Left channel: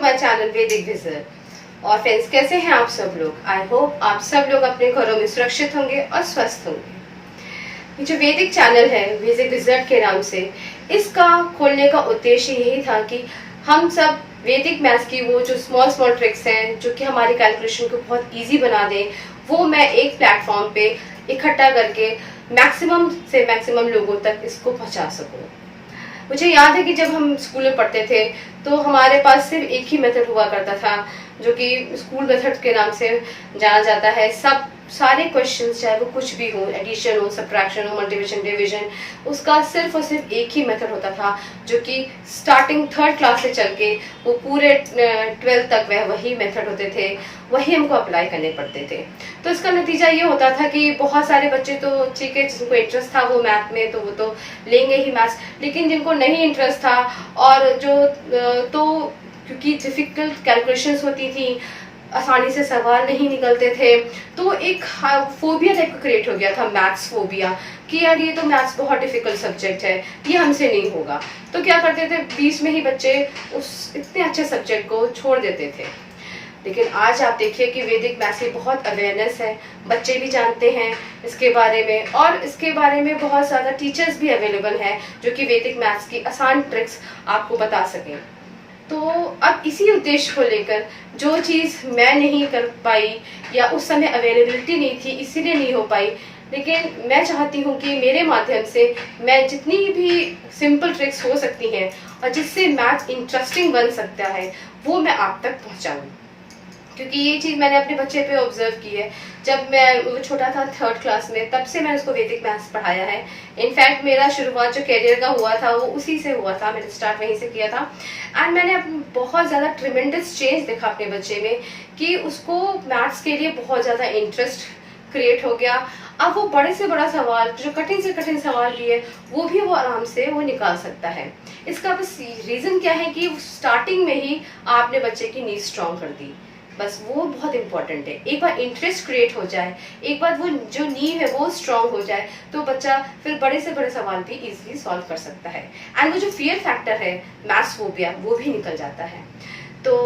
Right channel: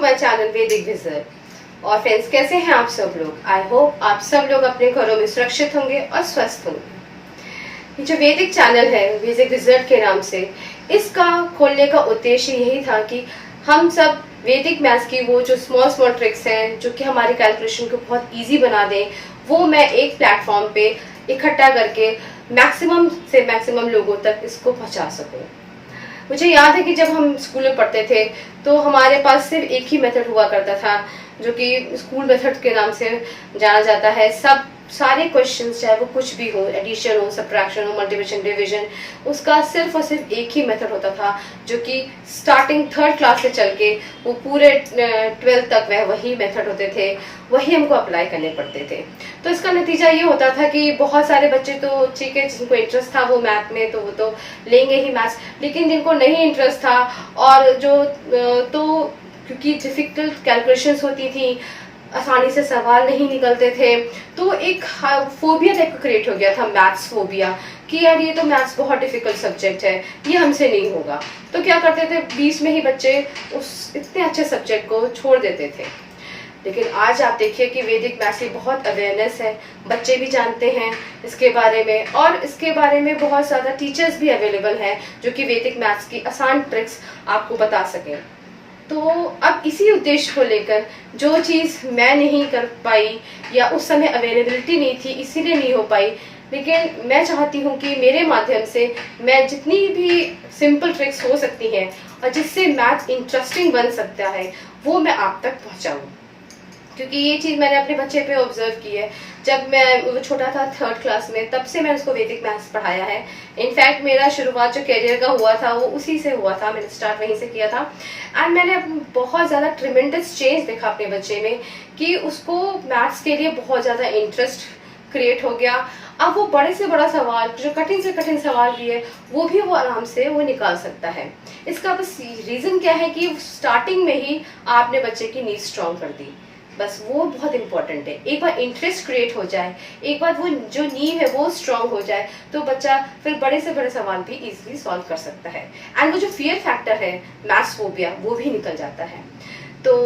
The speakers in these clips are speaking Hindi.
माय चैनल वैदिक विजर। और फ्रेंड्स, कैसे हैं आप सब लोग? आई होप आप सब लोग अपने घरों में सुरक्षित होंगे और स्वस्थ होंगे। ये जो वैदिक चैनल है वैदिक विजर के नाम से, इसका खोलने का उद्देश्य यही था कि हम सब वैदिक मैथ्स की वो जो स्मॉल स्मॉल ट्रिक्स हैं जो कि हमारी कैलकुलेशन को बहुत इजी बना दें, वो मैं एक प्लेटफॉर्म पे इकट्ठा करके मैक्सिमम से मैक्सिमम लोगों तक इसको पहुंचा सकूं। मुझे याद है कि जब हम स्कूल में पढ़ते थे तो हमारे पास सिर्फ एक ही मेथड हुआ करता था जो कि स्कूल मेथड के नाम से जाना जाता है। सारे क्वेश्चंस चाहे वो कुछ भी हो, एडिशन हो, सब्ट्रैक्शन हो, मल्टीप्लिकेशन, डिवीजन, उसका सिर्फ और सिर्फ एक ही मेथड होता था जो कि स्टार्टिंग थर्ड क्लास से चल के वो पूरे 12th तक वही मेथड होते थे, वही हमको अप्लाई करने पड़ते थे। तो इसका नतीजा ये होता था कि बहुत सारे बच्चे तो ठीक है, जिनको इंटरेस्ट था वो मैथ में तो वो तो लेंगे ही मैथ्स, लेकिन जिनको नहीं इंटरेस्ट था और जो तो क्योंकि डिफिकल्ट कैलकुलेशंस होती थी, आसानी से सवाल नहीं निकलते थे, तो एक फोबिया टाइप का क्रिएट हो गया था, मैथ्स फोबिया, कि यार ये तो मैथ्स बहुत डिफिकल्ट सब्जेक्ट है, ये हमसे नहीं होगा। तो क्या करते थे, बीच में ही बच्चे उस इतने अच्छे सब्जेक्ट को छोड़ देते थे। लेकिन आज आप देखिए कि वैदिक मैथ्स की बहुत अवेयरनेस है, बच्चे भी जानते हैं इसके बारे में, और इसके बारे में बहुत ज़्यादा टीचर्स भी अवेलेबल हैं जो कि वैदिक मैथ्स की आसान ट्रिक्स आपको बता सकें। तो अब इसी उद्देश्य को लेकर जो चीज़ मैं नहीं कर पाई या उस समय अवेलेबिलिटी नहीं थी इसीलिए नहीं हो पाई, लेकिन मैं चाहती हूँ कि मेरे माध्यम से मैं जितनी भी सिंपल ट्रिक्स हो सकती हैं और जिससे मैथ इंटरेस्टिंग बन सकता है वो मैं आप तक पहुँचाऊँ। क्योंकि ये चीज़ मैंने अपने बच्चे पे ऑब्जर्व की है। जब वो छोटा था थर्ड क्लास में, तब से मैंने उसको वैदिक मैथ्स पढ़ाया है। इनफैक्ट मेरा शुरुआत जो करियर का हुआ था वो उसी से हुआ था, मैंने स्टार्ट वहीं से किया था। एंड मैंने बहुत ज़्यादा ट्रिमेंडस चेंज देखा अपने बच्चे में कि उसको मैथ्स के लिए बहुत ज़्यादा इंटरेस्ट क्रिएट हो गया। अब वो बड़े से बड़ा सवाल, जो कठिन से कठिन सवाल भी है, वो भी वो आराम से वो निकाल सकता है। इसका बस रीज़न क्या है कि स्टार्टिंग में ही आपने बच्चे की नींव स्ट्रॉन्ग कर दी, बस वो बहुत इंपॉर्टेंट है। एक बार इंटरेस्ट क्रिएट हो जाए, एक बार वो जो नींव है वो स्ट्रांग हो जाए, तो बच्चा फिर बड़े से बड़े सवाल भी इजीली सॉल्व कर सकता है। एंड वो जो फियर फैक्टर है, मैथ्स फोबिया, वो भी निकल जाता है। तो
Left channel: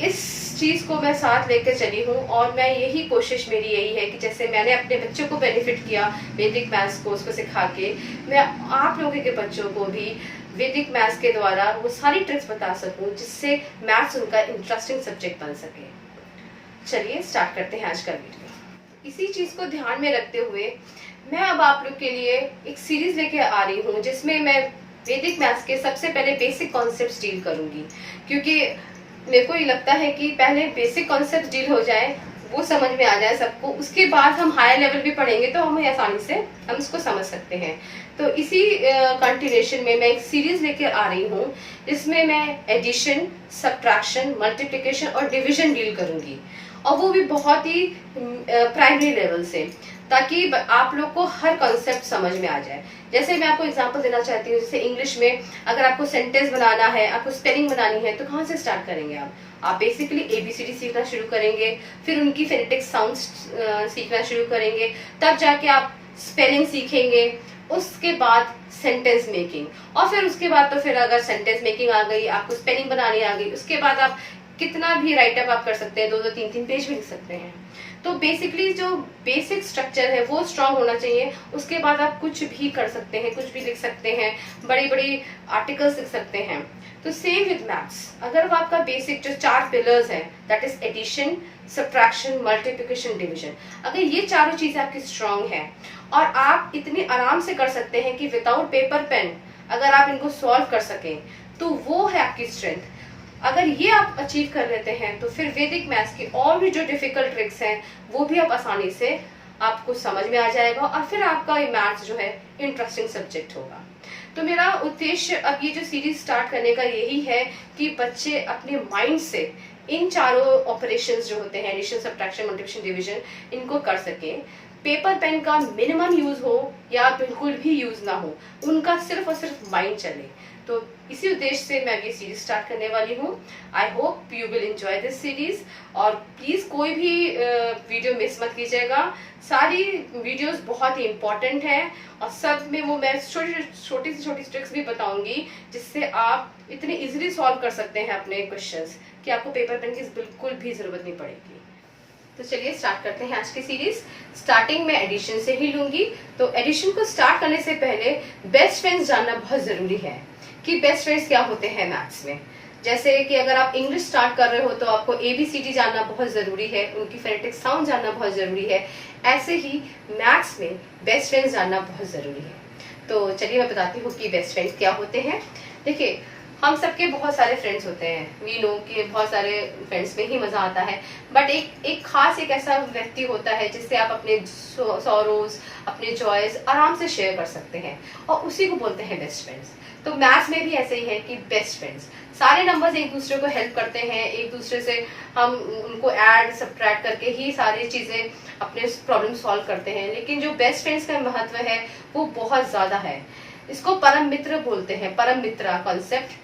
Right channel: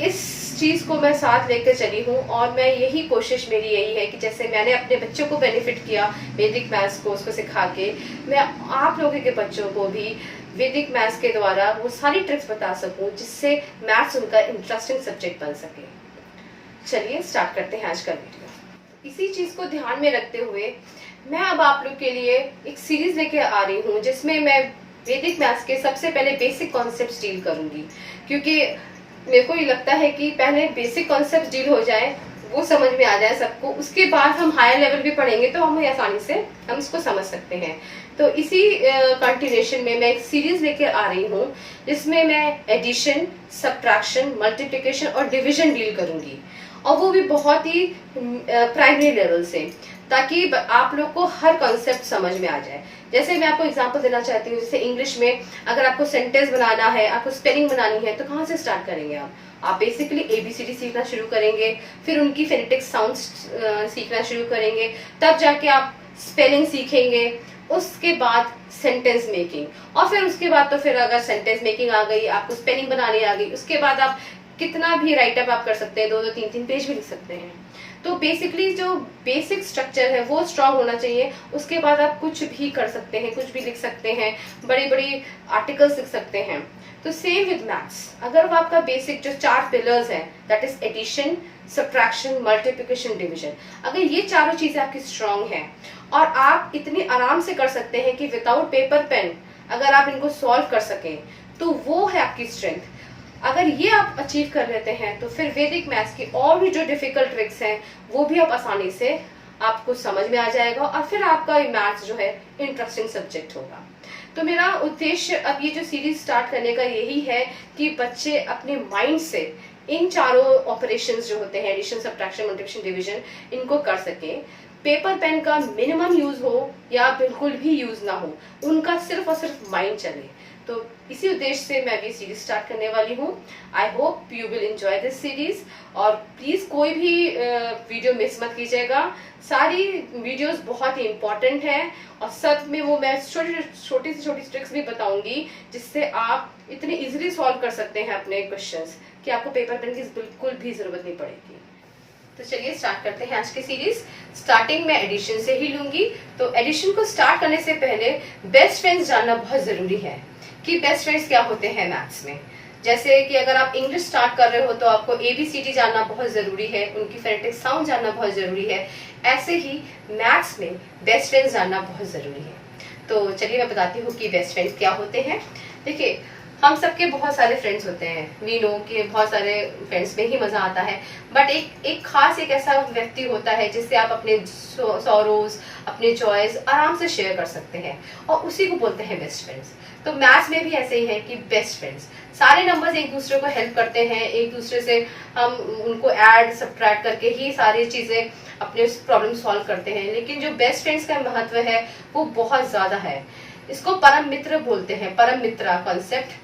इस चीज़ को मैं साथ लेकर चली हूँ और मैं यही कोशिश मेरी यही है कि जैसे मैंने अपने बच्चों को बेनिफिट किया वैदिक मैथ्स को उसको सिखा के, मैं आप लोगों के बच्चों को भी वैदिक मैथ्स के द्वारा वो सारी ट्रिक्स बता सकूं जिससे मैथ्स उनका इंटरेस्टिंग सब्जेक्ट बन सके। चलिए स्टार्ट करते हैं आज का वीडियो। इसी चीज़ को ध्यान में रखते हुए मैं अब आप लोग के लिए एक सीरीज लेके आ रही हूँ जिसमें मैं वैदिक मैथ्स के सबसे पहले बेसिक कॉन्सेप्ट्स डील करूंगी, क्योंकि मेरे को ये लगता है कि पहले बेसिक कॉन्सेप्ट डील हो जाए, वो समझ में आ जाए सबको, उसके बाद हम हायर लेवल भी पढ़ेंगे तो हम आसानी से हम इसको समझ सकते हैं। तो इसी कंटिन्यूएशन में मैं एक सीरीज लेकर आ रही हूँ जिसमें मैं एडिशन, सब्ट्रैक्शन, मल्टीप्लिकेशन और डिवीजन डील करूंगी, और वो भी बहुत ही प्राइमरी लेवल से, ताकि आप लोग को हर कॉन्सेप्ट समझ में आ जाए। जैसे मैं आपको एग्जांपल देना चाहती हूँ, जैसे इंग्लिश में अगर आपको सेंटेंस बनाना है, आपको स्पेलिंग बनानी है, तो कहाँ से स्टार्ट करेंगे आप बेसिकली ABCD सीखना शुरू करेंगे, फिर उनकी फेनेटिक साउंड्स सीखना शुरू करेंगे, तब जाके आप स्पेलिंग सीखेंगे, उसके बाद सेंटेंस मेकिंग, और फिर उसके बाद तो फिर अगर सेंटेंस मेकिंग आ गई, आपको स्पेलिंग बनानी आ गई, उसके बाद आप कितना भी राइटअप आप कर सकते हैं, 2-2, 3-3 पेज भी लिख सकते हैं। तो बेसिकली जो बेसिक स्ट्रक्चर है वो स्ट्रांग होना चाहिए। उसके बाद आप कुछ भी कर सकते हैं, कुछ भी लिख सकते हैं, बड़ी बड़ी आर्टिकल्स लिख सकते हैं। तो सेम विद मैथ्स, अगर आपका बेसिक जो 4 पिलर्स हैं, that is addition, subtraction, multiplication, division, अगर ये चारों चीजें आपकी स्ट्रांग हैं और आप इतने आराम से कर सकते हैं कि विदाउट पेपर पेन अगर आप इनको सॉल्व कर सकें, तो वो है आपकी स्ट्रेंथ। अगर ये आप अचीव कर लेते हैं तो फिर वैदिक मैथ्स की और भी जो डिफिकल्ट ट्रिक्स हैं वो भी आप आसानी से आपको समझ में आ जाएगा, और फिर आपका मैथ्स जो है इंटरेस्टिंग सब्जेक्ट होगा। तो मेरा उद्देश्य अब ये जो सीरीज स्टार्ट करने का यही है कि बच्चे अपने माइंड से इन चारों ऑपरेशंस जो होते हैं, एडिशन, सब्ट्रैक्शन, मल्टीप्लिकेशन, डिवीजन, इनको कर सकें। पेपर पेन का मिनिमम यूज हो या बिल्कुल भी यूज ना हो, उनका सिर्फ और सिर्फ माइंड चले। तो इसी उद्देश्य से मैं अभी सीरीज स्टार्ट करने वाली हूँ। I hope you will enjoy this series, और प्लीज कोई भी वीडियो मिस मत कीजिएगा। सारी वीडियोस बहुत ही इंपॉर्टेंट है, और सब में वो मैं छोटी से छोटी ट्रिक्स भी बताऊंगी जिससे आप इतने इजीली सॉल्व कर सकते हैं अपने क्वेश्चंस कि आपको पेपर पेन की बिल्कुल भी जरूरत नहीं पड़ेगी। तो चलिए स्टार्ट करते हैं आज की सीरीज। स्टार्टिंग में एडिशन से ही लूंगी। तो एडिशन को स्टार्ट करने से पहले बेस्ट फ्रेंड्स जानना बहुत जरूरी है कि बेस्ट फ्रेंड्स क्या होते हैं मैथ्स में। जैसे कि अगर आप इंग्लिश स्टार्ट कर रहे हो तो आपको ABCD जानना बहुत जरूरी है, उनकी फोनेटिक साउंड जानना बहुत जरूरी है। ऐसे ही मैथ्स में बेस्ट फ्रेंड्स जानना बहुत जरूरी है। तो चलिए मैं बताती हूँ कि बेस्ट फ्रेंड्स क्या होते हैं। देखिए, हम सबके बहुत सारे फ्रेंड्स होते हैं, वी नो कि बहुत सारे फ्रेंड्स में ही मजा आता है, बट एक खास एक ऐसा व्यक्ति होता है जिससे आप अपने सॉरोज, अपने जॉयज आराम से शेयर कर सकते हैं, और उसी को बोलते हैं बेस्ट फ्रेंड्स। तो मैथ्स में भी ऐसे ही है कि बेस्ट फ्रेंड्स, सारे नंबर्स एक दूसरे को हेल्प करते हैं, एक दूसरे से हम उनको ऐड सब्ट्रैक्ट करके ही सारी चीजें अपने प्रॉब्लम सॉल्व करते हैं। लेकिन जो बेस्ट फ्रेंड्स का महत्व है वो बहुत ज्यादा है। इसको परम मित्र बोलते हैं, परम मित्रा कॉन्सेप्ट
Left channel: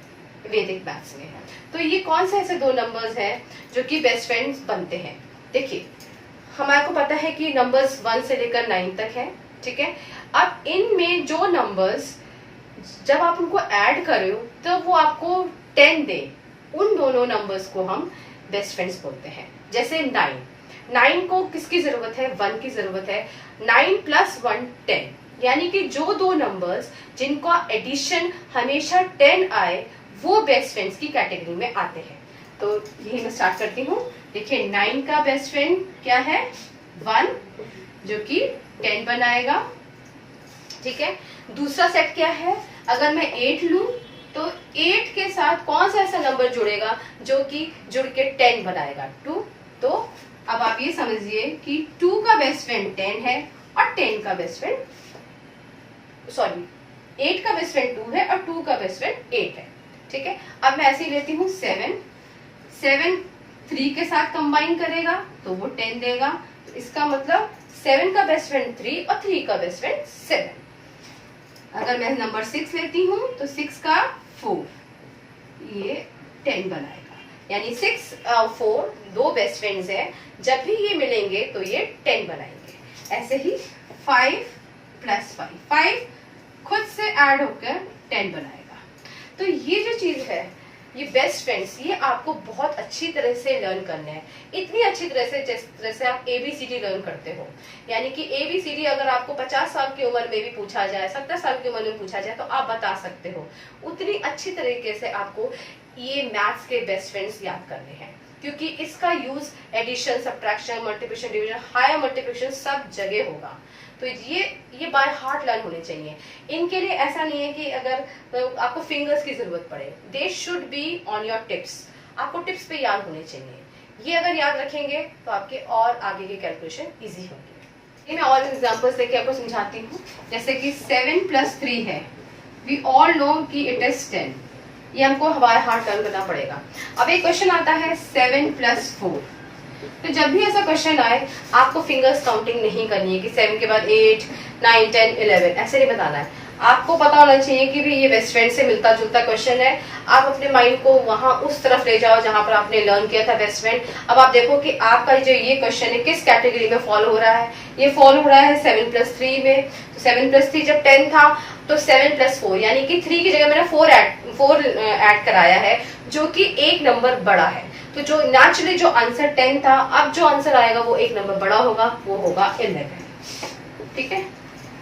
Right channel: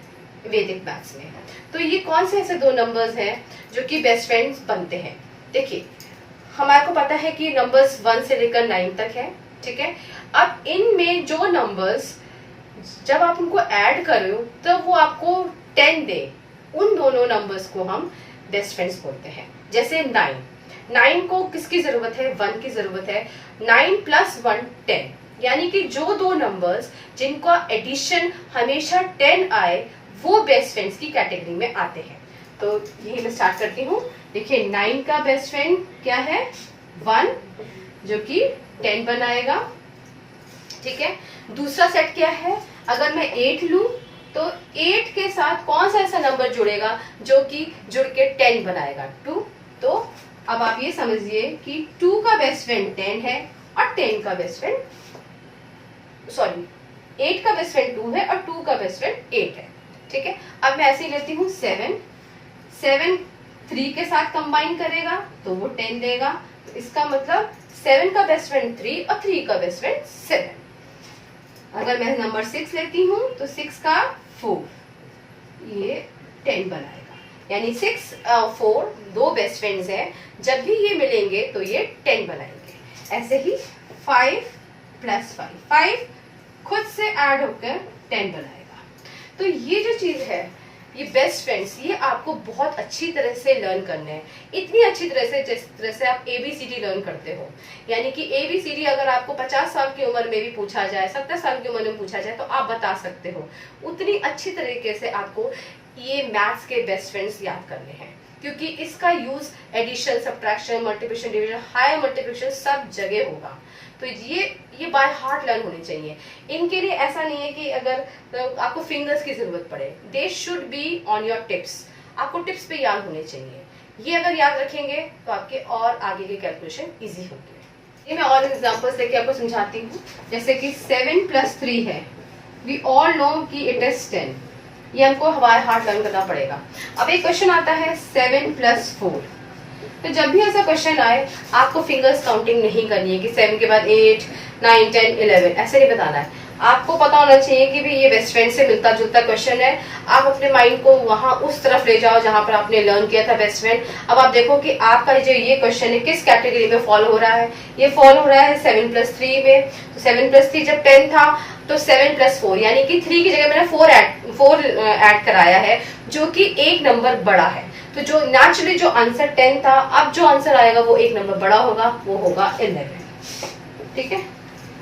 वैदिक मैथ्स में। तो ये कौन से ऐसे दो नंबर्स हैं जो कि बेस्ट फ्रेंड्स बनते हैं। देखिए, हमारे को पता है कि नंबर्स 1 से लेकर 9 तक है, ठीक है। अब इनमें जो नंबर्स जब आप उनको ऐड करो तो वो आपको 10 दे, उन दोनों नंबर्स को हम बेस्ट फ्रेंड्स बोलते हैं। जैसे 9 को किसकी जरूरत है? 1 की जरूरत है। 9 + 1 10, यानी कि जो दो नंबर्स जिनका एडिशन हमेशा 10 आए वो बेस्ट फ्रेंड्स की कैटेगरी में आते हैं। तो यही मैं स्टार्ट करती हूँ। देखिए, 9 का बेस्ट फ्रेंड क्या है? 1, जो कि 10 बनाएगा, ठीक है। दूसरा सेट क्या है? अगर मैं 8 लूं तो 8 के साथ कौन सा ऐसा नंबर जुड़ेगा जो कि जुड़ के 10 बनाएगा? 2। तो अब आप ये समझिए कि 2 का बेस्ट फ्रेंड 10 है और 10 का बेस्ट फ्रेंड 8 का बेस्ट फ्रेंड 2 है और 2 का बेस्ट फ्रेंड 8 है, ठीक है। अब मैं ऐसे ही लेती हूँ 7 3 के साथ कंबाइन करेगा तो वो 10 देगा। तो इसका मतलब 7 का बेस्ट फ्रेंड 3 और 3 का बेस्ट फ्रेंड 7। अगर मैं नंबर 6 लेती हूँ तो 6 का 4, ये 10 बनाएगा। यानी 6 4 दो बेस्ट फ्रेंड्स है, जब भी ये मिलेंगे तो ये 10 बनाएंगे। ऐसे ही 5 + 5 खुद से ऐड होकर 10 बनाएगा। तो ये जो चीज है, ये बेस्ट फ्रेंड्स, ये आपको बहुत अच्छी तरह से लर्न करना है। इतनी अच्छी तरह से जिस तरह से आप ABCD लर्न करते हो। यानी कि ABCD अगर आपको 50 साल की उम्र में भी पूछा जाए, 70 साल की उम्र में पूछा जाए तो आप बता सकते हो। उतनी अच्छी तरीके से आपको ये मैथ्स के बेस्ट फ्रेंड्स याद करने हैं, क्योंकि इसका use addition, subtraction, multiplication, division, higher multiplication सब जगह होगा। तो ये बाय हार्ट लर्न होने चाहिए। इनके लिए ऐसा नहीं है कि अगर आपको फिंगर्स की जरूरत पड़े, they should be on your tips. आपको टिप्स पे याद होने चाहिए। ये अगर याद रखेंगे तो आपके और आगे के कैलकुलेशन इजी होंगे। ये मैं और एग्जांपल्स लेके आपको समझाती हूँ। जैसे कि 7 + 3 है, वी ऑल नो कि इट इज 10। ये हमको बाय हार्ट लर्न करना पड़ेगा। अब एक क्वेश्चन आता है 7 + 4। तो जब भी ऐसा क्वेश्चन आए, आपको फिंगर्स काउंटिंग नहीं करनी है कि 7 के बाद 8, 9, 10, 11, ऐसे नहीं बताना है। आपको पता होना चाहिए कि भी ये बेस्ट फ्रेंड से मिलता जुलता क्वेश्चन है। आप अपने माइंड को वहां उस तरफ ले जाओ जहां पर आपने लर्न किया था बेस्ट फ्रेंड। अब आप देखो कि आपका जो ये क्वेश्चन है किस कैटेगरी में फॉलो हो रहा है। ये फॉलो हो रहा है 7 + 3 में। तो 7 + 3 जब 10 था तो 7 + 4, यानी कि 3 की जगह मैंने 4 ऐड कराया है, जो कि एक नंबर बड़ा है। तो जो नेचुरली जो आंसर 10 था, अब जो आंसर आएगा वो एक नंबर बड़ा होगा, वो होगा 11, ठीक है।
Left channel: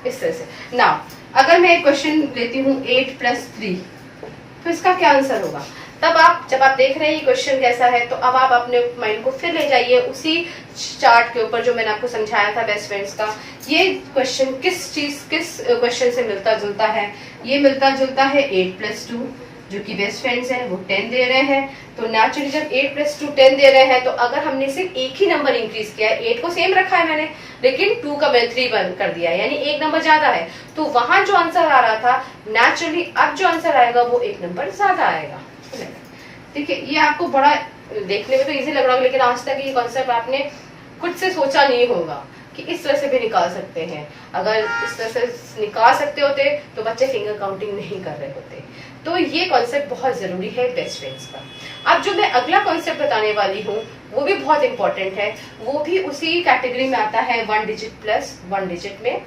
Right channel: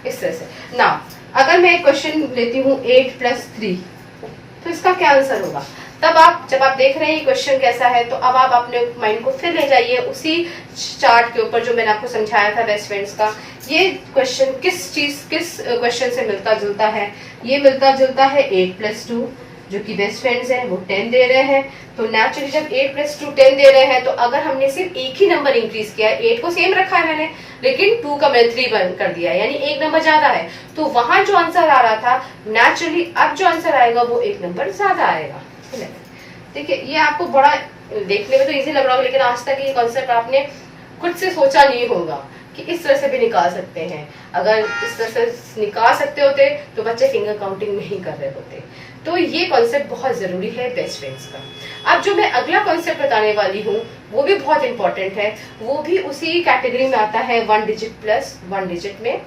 इस तरह से ना अगर मैं एक क्वेश्चन लेती हूँ 8 + 3, तो इसका क्या आंसर होगा? तब आप जब आप देख रहे हैं क्वेश्चन कैसा है, तो अब आप अपने माइंड को फिर ले जाइए उसी चार्ट के ऊपर जो मैंने आपको समझाया था बेस्ट फ्रेंड्स का। ये क्वेश्चन किस क्वेश्चन से मिलता जुलता है? ये मिलता जुलता है 8 + 2, जो कि बेस्ट फ्रेंड्स हैं, वो 10 दे रहे हैं। तो नेचुरली जब 8 + 2 10 दे रहे हैं, तो अगर हमने सिर्फ एक ही नंबर इंक्रीज किया है, 8 को सेम रखा है मैंने, लेकिन 2 का मैंने 3 बंद कर दिया है, यानी एक नंबर ज्यादा है, तो वहां जो आंसर आ रहा था, नेचुरली अब जो आंसर आएगा वो एक नंबर ज्यादा आएगा। देखिए, ये आपको बड़ा देखने में तो इजी लग रहा होगा, लेकिन आज तक ये कॉन्सेप्ट आपने खुद से सोचा नहीं होगा कि इस तरह से भी निकाल सकते हैं। अगर इस तरह से निकाल सकते होते तो बच्चे फिंगर काउंटिंग नहीं कर रहे होते। तो ये कॉन्सेप्ट बहुत जरूरी है बेस्ट फ्रेंड्स का। अब जो मैं अगला कॉन्सेप्ट बताने वाली हूँ वो भी बहुत इंपॉर्टेंट है, वो भी उसी कैटेगरी में आता है 1 डिजिट प्लस 1 डिजिट में,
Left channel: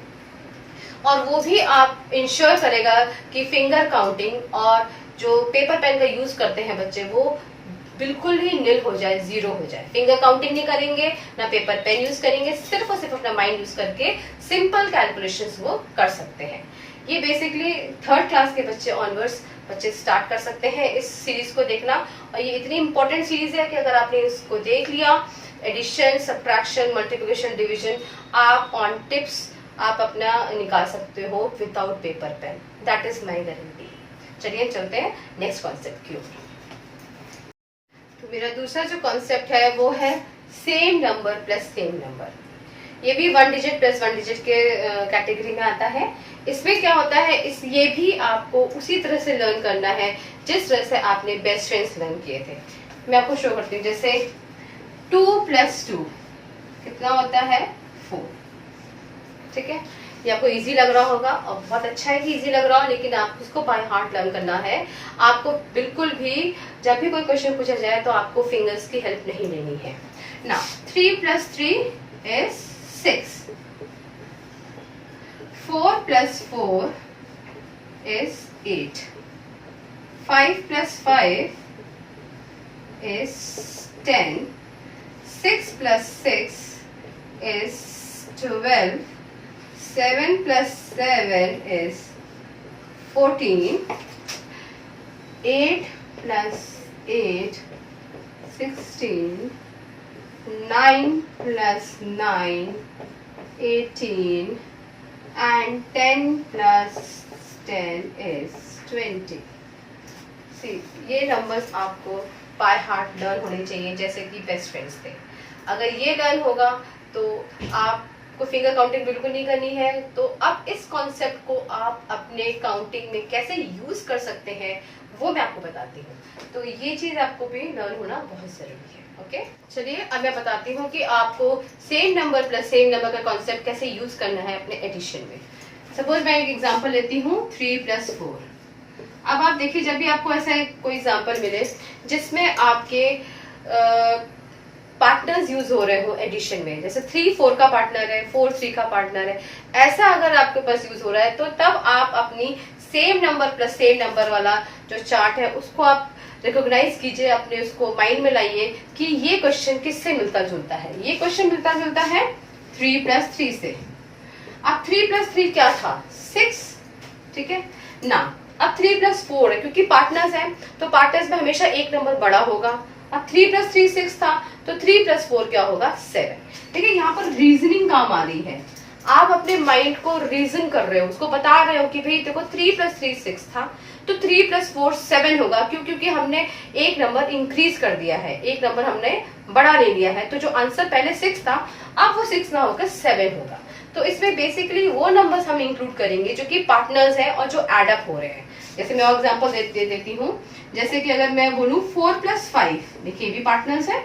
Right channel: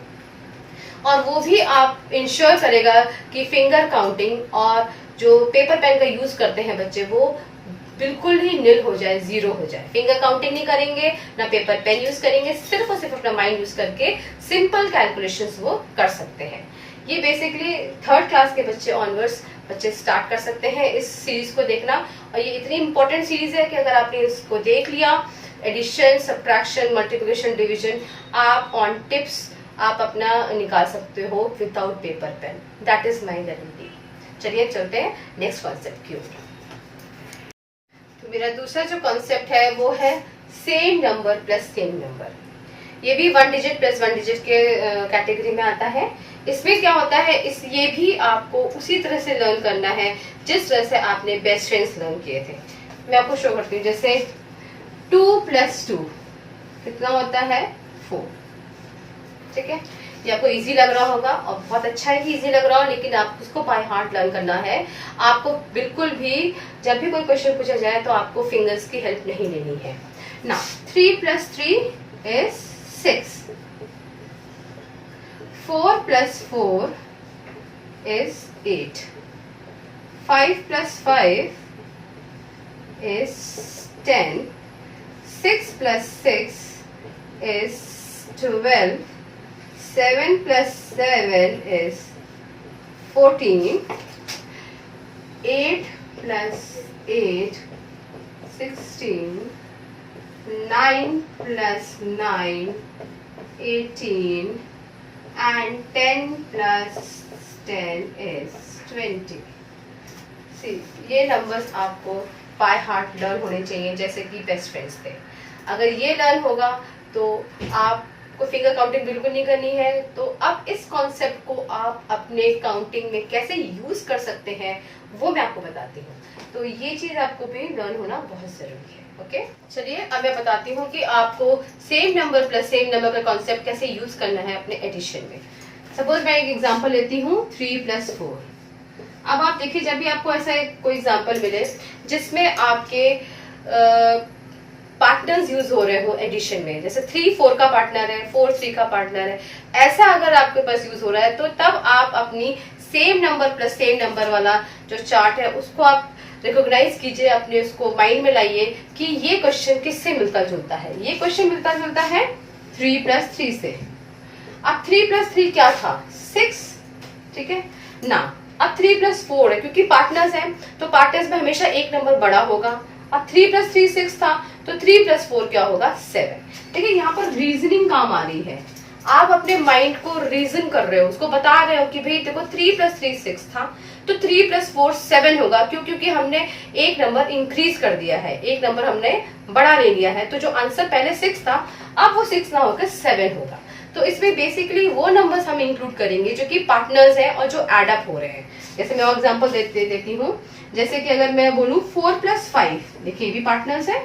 और वो भी आप इंश्योर करेगा कि फिंगर काउंटिंग और जो पेपर पेन का यूज करते हैं बच्चे वो बिल्कुल ही निल हो जाए, जीरो हो जाए। फिंगर काउंटिंग नहीं करेंगे, ना पेपर पेन यूज करेंगे, सिर्फ और सिर्फ अपना माइंड यूज करके सिंपल कैलकुलेशंस वो कर सकते हैं। ये बेसिकली 3rd क्लास के बच्चे ऑनवर्ड्स बच्चे स्टार्ट कर सकते हैं इस सीरीज को देखना। और ये इतनी इंपॉर्टेंट सीरीज है कि अगर आपने इसको देख लिया, एडिशन, सब्ट्रैक्शन, मल्टीप्लिकेशन, डिवीजन, आप ऑन टिप्स आप अपना निकाल सकते हो without paper pen. That is my guarantee. चलिए चलते हैं नेक्स्ट कॉन्सेप्ट की ओर। तो मेरा दूसरा जो कॉन्सेप्ट है वो है same number plus same number. ये भी 1 डिजिट प्लस 1 डिजिट के कैटेगरी में आता है। इसमें क्या होता है, ये भी आपको उसी तरह से लर्न करना है जिस तरह से आपने बेस्ट फ्रेंड्स लर्न किए थे। मैं आपको शो करती हूँ। जैसे 2 + 2 कितना होता है 4। ठीक है, ये आपको इजी लग रहा होगा और बहुत अच्छा है कि इजी लग रहा हो, लेकिन आपको उसको बाय हार्ट लर्न करना है। आपको बिल्कुल भी जब भी कोई क्वेश्चन पूछा जाए तो आपको फिंगर्स की हेल्प नहीं लेनी है ना। 3 + 3 is 6. 4 + 4 is 8. 5 + 5 is 10. 6 + 6 is 12. 7 + 7 is 14. 8 + 8 16. 9 + 9 18. And 10 + 10 is 20. See, ये नंबर्स आपको बाय हार्ट लर्न होने चाहिए जैसे कि बेस्ट फ्रेंड्स थे। अगर ये लर्न होगा तो आपको फिंगर काउंटिंग बिल्कुल नहीं करनी है। तो अब इस कॉन्सेप्ट को आप अपने काउंटिंग में कैसे यूज कर सकते हैं वो मैं आपको बताती हूँ। तो ये चीज आपको भी लर्न होना बहुत जरूरी है। ओके, चलिए अब मैं बताती हूँ कि आपको same number plus same number का कॉन्सेप्ट कैसे यूज करना है अपने एडिशन में। सपोज मैं एक एग्जांपल लेती हूँ 3 + 4। अब आप देखिए, जब भी आपको ऐसा कोई एग्जांपल मिले जिसमें आपके पार्टनर्स यूज हो रहे हो एडिशन में, जैसे 3 4 का पार्टनर है, 4 3 का पार्टनर है, ऐसा अगर आपके पास यूज हो रहा है तो तब आप अपनी same number plus same number वाला जो चार्ट है उसको आप रिकॉग्नाइज कीजिए, अपने उसको माइंड में लाइए कि ये क्वेश्चन किससे मिलता जुलता है। ये क्वेश्चन मिलता जुलता है 3 + 3 से। अब 3 + 3 क्या था 6, ठीक है ना। अब 3 + 4 है, क्योंकि पार्टनर्स हैं तो पार्टनर्स में हमेशा एक नंबर बड़ा होगा। अब 3 + 3 6 था तो 3 + 4 क्या होगा 7। देखिए यहाँ पर रीजनिंग काम आ रही है। आप अपने माइंड को रीजन कर रहे हो, उसको बता रहे हो कि भाई देखो 3 + 3 6 था तो 3 + 4 7 होगा। क्यों? क्योंकि हमने एक नंबर इंक्रीज कर दिया है, एक नंबर हमने बढ़ा ले लिया है। तो जो आंसर पहले 6 था अब वो 6 ना होकर 7 होगा। तो इसमें बेसिकली वो नंबर्स हम इंक्लूड करेंगे जो कि पार्टनर्स हैं और जो एड अप हो रहे हैं। जैसे मैं एग्जांपल दे देती हूँ। जैसे कि अगर मैं बोलूं 4 + 5, देखिए ये भी पार्टनर्स है।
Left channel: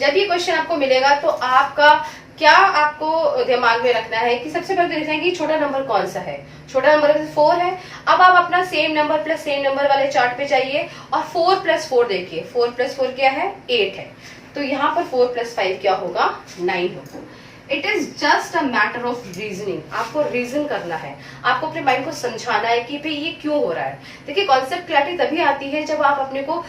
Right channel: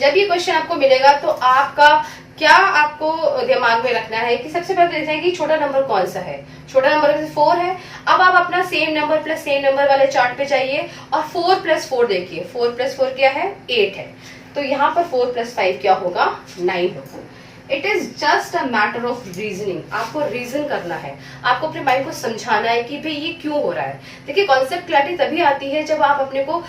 जब ये क्वेश्चन आपको मिलेगा तो आपका क्या आपको दिमाग में रखना है कि सबसे पहले देखना है कि छोटा नंबर कौन सा है। छोटा नंबर 4 है। अब आप अपना same number plus same number वाले चार्ट पे जाइए और 4 + 4 देखिए। 4 + 4 क्या है 8 है। तो यहाँ पर 4 + 5 क्या होगा 9 होगा। It is just a matter of reasoning. आपको रीजन करना है, आपको अपने माइंड को समझाना है कि भाई ये क्यों हो रहा है। देखिए कॉन्सेप्ट क्लैरिटी तभी आती है जब आप अपने को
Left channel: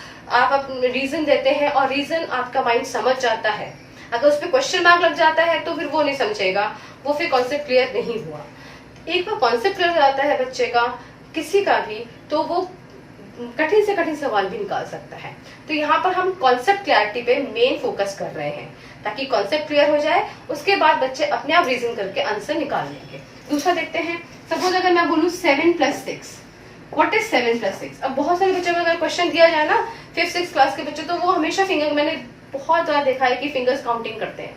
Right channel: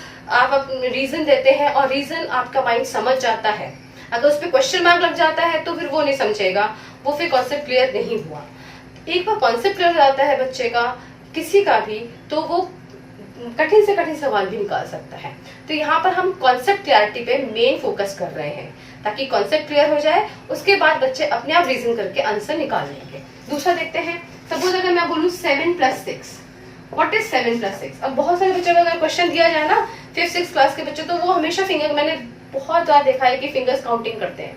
रीजन देते हैं और रीजन आपका माइंड समझ जाता है। अगर उस पर क्वेश्चन मार्क लग जाता है तो फिर वो नहीं समझेगा, वो फिर कॉन्सेप्ट क्लियर नहीं हुआ। एक बार कॉन्सेप्ट क्लियर हो जाता है बच्चे का किसी का भी तो वो कठिन से कठिन सवाल भी निकाल सकता है। तो यहाँ पर हम कॉन्सेप्ट क्लैरिटी पे मेन फोकस कर रहे हैं ताकि कॉन्सेप्ट क्लियर हो जाए, उसके बाद बच्चे अपने आप रीजन करके आंसर निकाल लेंगे। दूसरा देखते हैं। सपोज अगर मैं बोलूँ 7 + 6, व्हाट इज 7 + 6। अब बहुत सारे बच्चों को अगर क्वेश्चन दिया जाए ना 5th 6th क्लास के बच्चे, तो वो हमेशा फिंगर, मैंने बहुत बार देखा है कि फिंगर्स काउंटिंग करते हैं।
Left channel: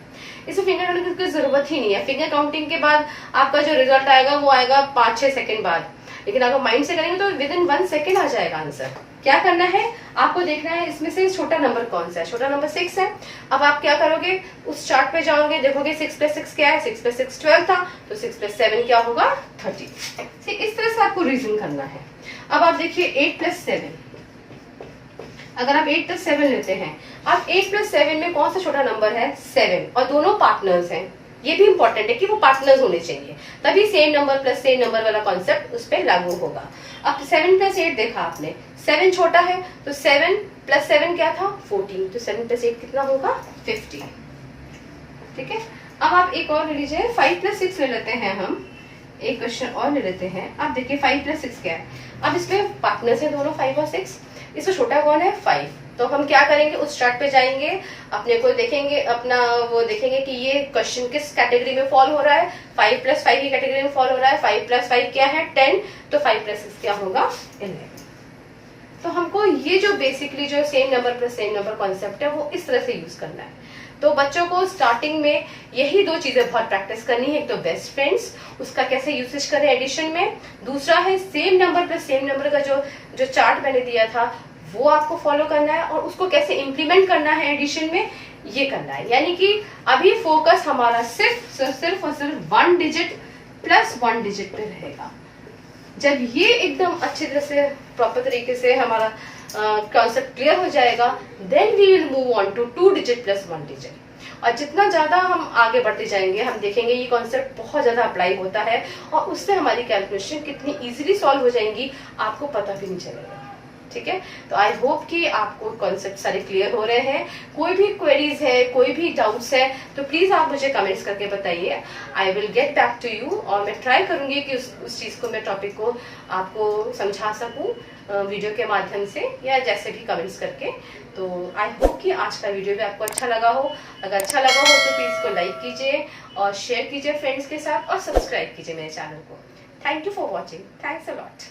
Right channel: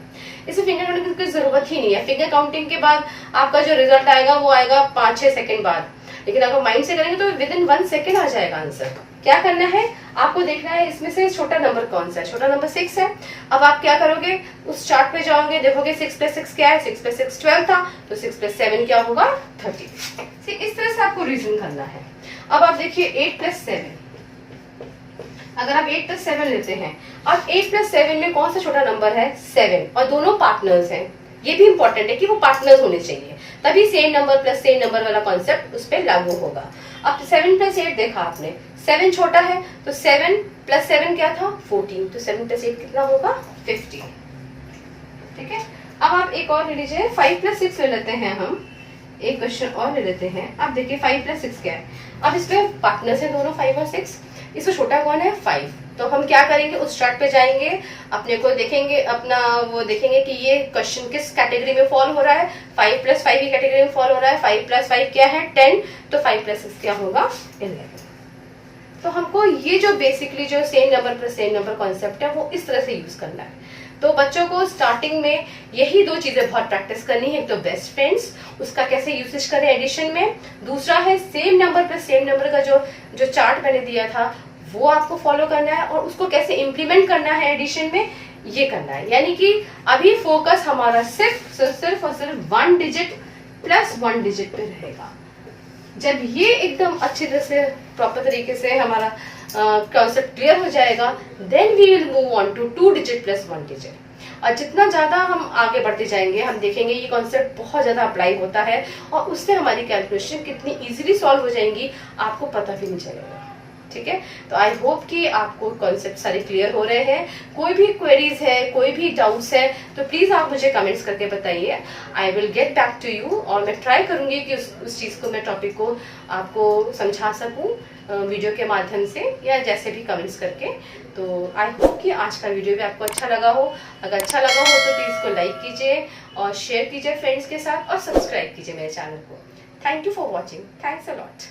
इसमें फिंगर काउंटिंग की जरूरत ही नहीं है। फिंगर काउंटिंग के बाद आपका जो रिजल्ट आएगा वो आएगा 5-6 सेकंड बाद, लेकिन अगर माइंड से करेंगे तो विद इन 1 सेकंड आ जाएगा आंसर। क्या करना है, आपको देखना है इसमें से छोटा नंबर कौन सा है। छोटा नंबर 6 है। अब आप क्या करोगे, उस चार्ट पे जाओगे, देखोगे 6 + 6 क्या है, 6 + 6 12 था, तो 6 + 7 क्या होगा 30। ठीक, इस तरह से आपको रीजन करना है। अब आप देखिए 8 + 7, अगर आप 8 + 7 लेते हैं, अब 8 + 7 में कौन सा छोटा नंबर है 7, और दोनों पार्टनर्स हैं। ये भी इंपॉर्टेंट है कि वो पार्टनर्स होने चाहिए, तभी same number plus same number वाला कॉन्सेप्ट उस पर लागू होगा। अब 7 + 8 देखा आपने, 7 छोटा है तो 7 + 7 क्या था 14, तो 7 + 8 कितना होगा 15। ठीक है, अब आप एक और ले लीजिए, 5 + 6 ले लेते हैं हम, एक क्वेश्चन और ले लेते हैं। अब देखिए 5 + 6 क्या है, अब इसमें पार्टनर्स है दोनों 5 और 6, इसमें छोटा कौन है 5, तो हम क्या करेंगे उस चार्ट पे जाएंगे, अपने को देखेंगे, अपना वो देखेंगे कि ये क्वेश्चन किस कैटेगरी में फॉल हो रहा है, 5 + 5 की कैटेगरी में फॉल हो रहा है। 5 + 5 क्या है 10, तो 5 + 6 क्या होगा 11। तो हमको ये जो बेसिकली जो same number plus same number concept है वो इस तरह से यूज करना है। तो बच्चों को स्टार्टिंग में यही 2 चीजें बहुत प्रैक्टिस करनी है, तो बेस्ट फ्रेंड्स उसका कैसे यूसेज करें एडिशन में, दूसरा है same number plus same number का जो चार्ट मैंने दिया था वो आपको फॉलो करना है, और उसको कैसे इम्प्लीमेंट करना है एडिशन में ये करना है। यानी कि अभी फोकस हमारा सिर्फ और सिर्फ 1 डिजिट प्लस 1 डिजिट पे रहेगा। जब ये एकदम अच्छी तरह से प्रॉपर तरीके से हमारा कॉन्सेप्ट क्लियर हो जाएगा, then we will move on to 2 digit plus 1 digit. और जितना ज्यादा हम आगे बढ़ते जाएंगे हम देखेंगे ये कॉन्सेप्ट बहुत ज्यादा अप्लाई होता है, और उससे हमारी कैलकुलेशन कितनी इजीली सॉल्व हो जाएंगी आपको पता भी नहीं चलेगा। ठीक है, तो आई होप कि आपको कॉन्सेप्ट सारे क्लियर हो रहे हैं। कोई भी क्वेरीज है, कोई भी डाउट्स है, तो प्लीज आप मुझे कमेंट्स करके बताइए, I will get back to you, और मैं ट्राई करूंगी कि उस चीज को, मैं टॉपिक को आपको समझा सकूं वीडियो के माध्यम से या जैसे भी कमेंट्स करके। तो आई होप कि आज का वीडियो भी आपको अच्छा लगा हो। अगर अच्छा लगा हो तो प्लीज इसको लाइक कीजिए और शेयर कीजिए फ्रेंड्स के साथ, और सब्सक्राइब कीजिए मेरे चैनल को। Thank you for watching, thanks a lot.